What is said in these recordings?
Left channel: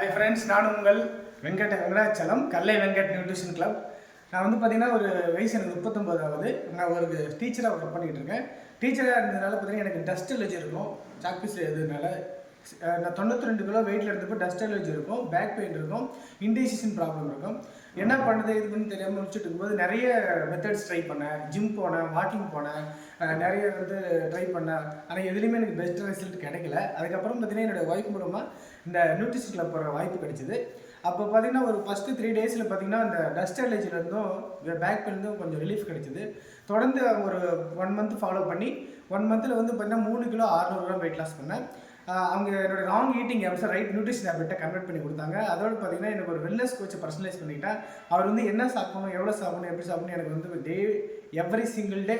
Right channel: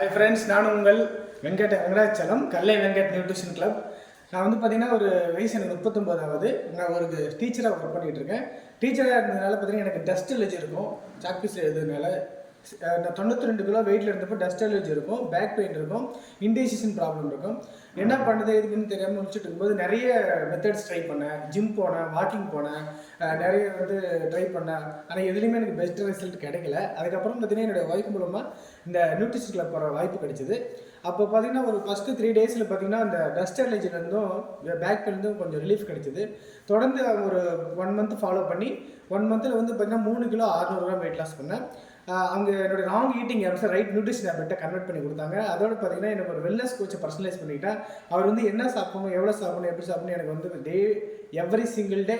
Hi friends, நான் உங்கள் வெங்கடாச்சலம் கல்லை வெங்கட் நியூட்ரிஷன் கிளப். நான் வந்து பார்த்தீங்கன்னா ஒரு வயசு எனக்கு 39 நான் ஒரு டீச்சராக ஒர்க் பண்ணிகிட்டு இருக்கேன். டீச்சராக இருந்ததுனால பார்த்தீங்கன்னா எனக்கு டஸ்ட் அலர்ஜி இருக்கும். சாக்பீஸ் எழுதுனால நான் 92 கிலோ வெயிட்டில் இருந்தப்போ டஸ்ட் அலர்ஜி இருக்கும், பேக் பெயின் இருக்கும், இன்டைஜஷன் ப்ராப்ளம் இருக்கும். என்ன பண்ணுறது இதுன்னு தெரியாமல் முடிச்சுட்டு இருக்கும்போது நிறைய மெத்தட்ஸ் ட்ரை பண்ணேன். ஜிம் போனேன், வாக்கிங் போனேன், நிறைய ட்ரை பண்ணேன். ஆனால் எதுலேயுமே எனக்கு பெஸ்ட் ரிசல்ட் கிடைக்கல. அதுக்கப்புறம் பார்த்தீங்கன்னா என்னோடய ஒய்ஃப் மூலமாக இந்த நியூட்ரிஷன் கிளப் போகிற வாய்ப்பு கிடைச்சிது. அப்போ பார்த்தீங்கன்னா ஒரு ஃபஸ்ட்டு 3 டேஸில் பார்த்தீங்கன்னா இந்த டஸ்ட் அலர்ஜிலேருந்தும் இந்த பேக் பெயின்லேருந்தும் கொஞ்சம் ரிலீஃப் கிடைச்சிது. தொடர்ந்து ஒரு 1 மந்த் ஃபாலோ பண்ணி 1 மந்தில் வந்து பார்த்தீங்கன்னா 3 கிலோ 600 கிராம் வெயிட் லாஸ் பண்ணேன். அவங்க என்னோடய ராங் ஈட்டிங் ஹேபிட்ஸை ரைட் நியூட்ரிஷன் ஹேபிட்டை கன்வெர்ட் பண்ணி கொடுத்தாங்க. அதோடு பார்த்தீங்கன்னா எனக்கு ஒரு வெல்னஸ் கோச்சை பர்சனலைஸ் பண்ணிட்டேன். அவர் வந்து என்ன சாப்பிடணும், எவ்வளோ சாப்பிடணும், எப்படி சாப்பிடணும் எனக்கு வந்து எவ்ரி சிங்கிள் டே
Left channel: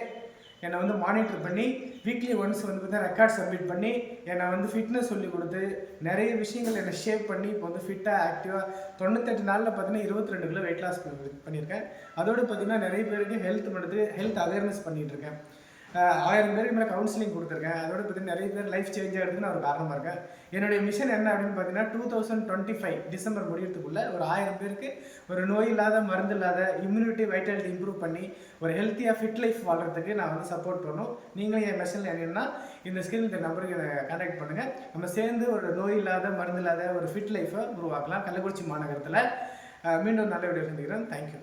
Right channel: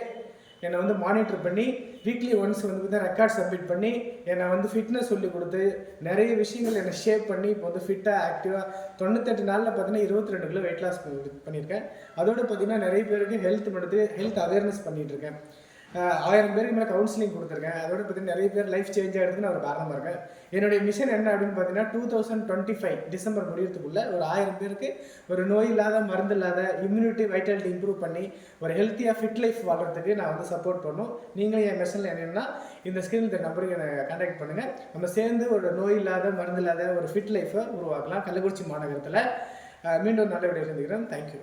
என்னை மானிட்டர் பண்ணி வீக்லி ஒன்ஸ் பார்த்தீங்கன்னா ரெக்கார்ட் சப்மிட் பண்ணி என்னை ஃபிட்னஸ் சொல்லி கொடுத்து நிறைய விஷயங்கள் என்னை ஷேப் பண்ணி இப்போ ஃபிட்டாக ஆக்டிவாக 98 நாளில் பார்த்தீங்கன்னா 22 கிலோ வெயிட் லாஸ் பண்ணியிருக்கேன். அதோடு பார்த்தீங்கன்னா நிறைய பேருக்கு ஹெல்த் அவேர்னஸ் பண்ணிகிட்ருக்கேன். 1000 பேருக்கு மேலே கவுன்சிலிங் கொடுத்துருக்கேன். அதோட பார்த்தீங்கன்னா நிறைய பேர் லைஃப் சேஞ்ச் ஆகிறதுக்கு நான் ஒரு காரணமாக இருக்கேன். என்னுடைய மிஷன் என்ன அப்படின்னு பார்த்தீங்கன்னா 2025 டிசம்பர் முடியறதுக்குள்ளே ஒரு 1000 பேருக்கு ஒரு நோய் இல்லாத, மருந்து இல்லாத, இம்யூனிட்டி வைட்டாலிட்டி இம்ப்ரூவ் பண்ணி ஒரு ஹெல்த்தியாக ஃபிட் லைஃப் வாழ்கிறதுக்கு நான் சப்போர்ட் பண்ணணும். நீங்களும் என் மிஷனில் என்னென்னா இந்த ஸ்கில் இந்த நம்பருக்கு என்னை கான்டாக்ட் பண்ணுங்கள். நம்ம சேர்ந்து ஒரு நோய் இல்லாத, மருந்து இல்லாத ஒரு ஃபிட் லைஃப்பை உருவாக்கலாம். கள்ளக்குறிச்சி மாநகரத்தில் மீண்டும் நல்ல வீடியோ சந்திக்கிறேன். தேங்க்யூ.